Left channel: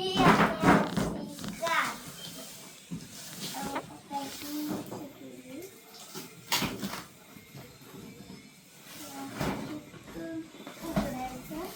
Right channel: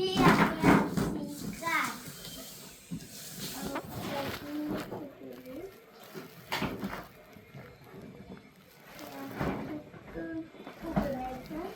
ही आहे आजची कार. उघडायचं.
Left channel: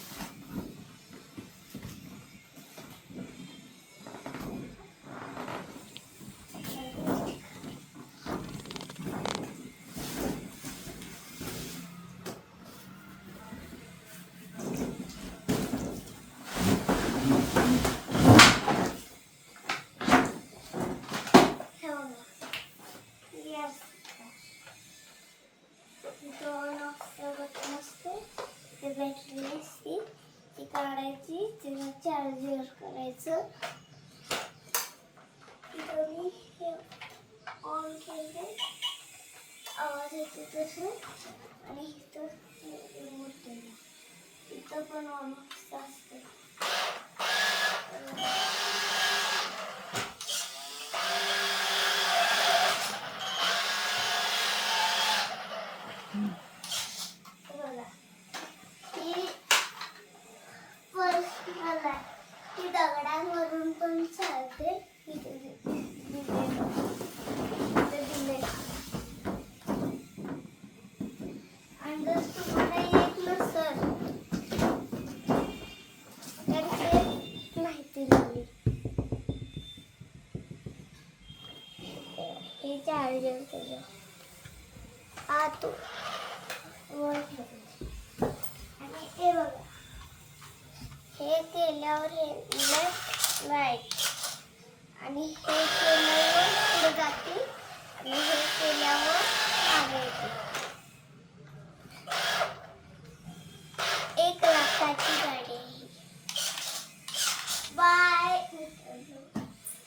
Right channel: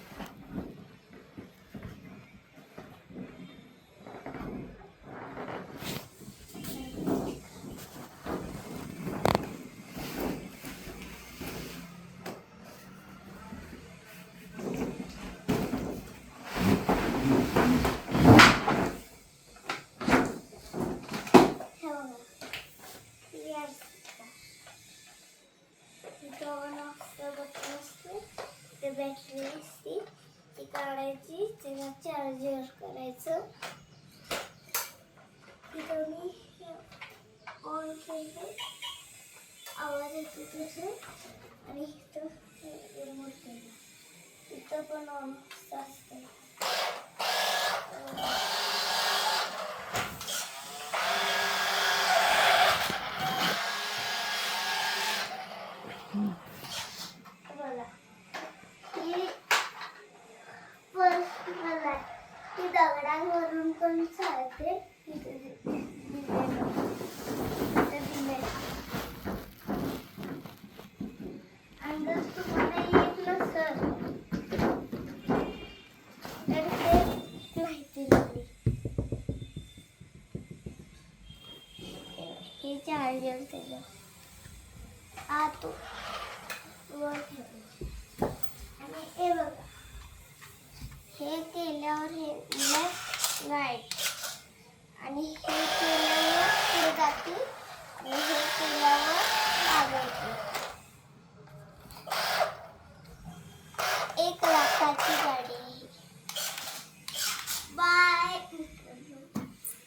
दोन बटन असते ते बॅटरी असते ती काढायची त्याला चार्जर करायचं. इथं मी हे ऑन केलं आवाज येतो तसं आणि इथं रिमोट केलं इथं पण ऑन असतं. ती दगडांवरून पण चालते. आणि जर तुम्हाला येत नसेल तर हे माहिती दिली. हे चार्जर त्याचं आत वर ठेवलं आणि हे बघा हे केल्यावर हे लाईट आणि हे केल्यावर पुढे जाते आणि हे केल्यावर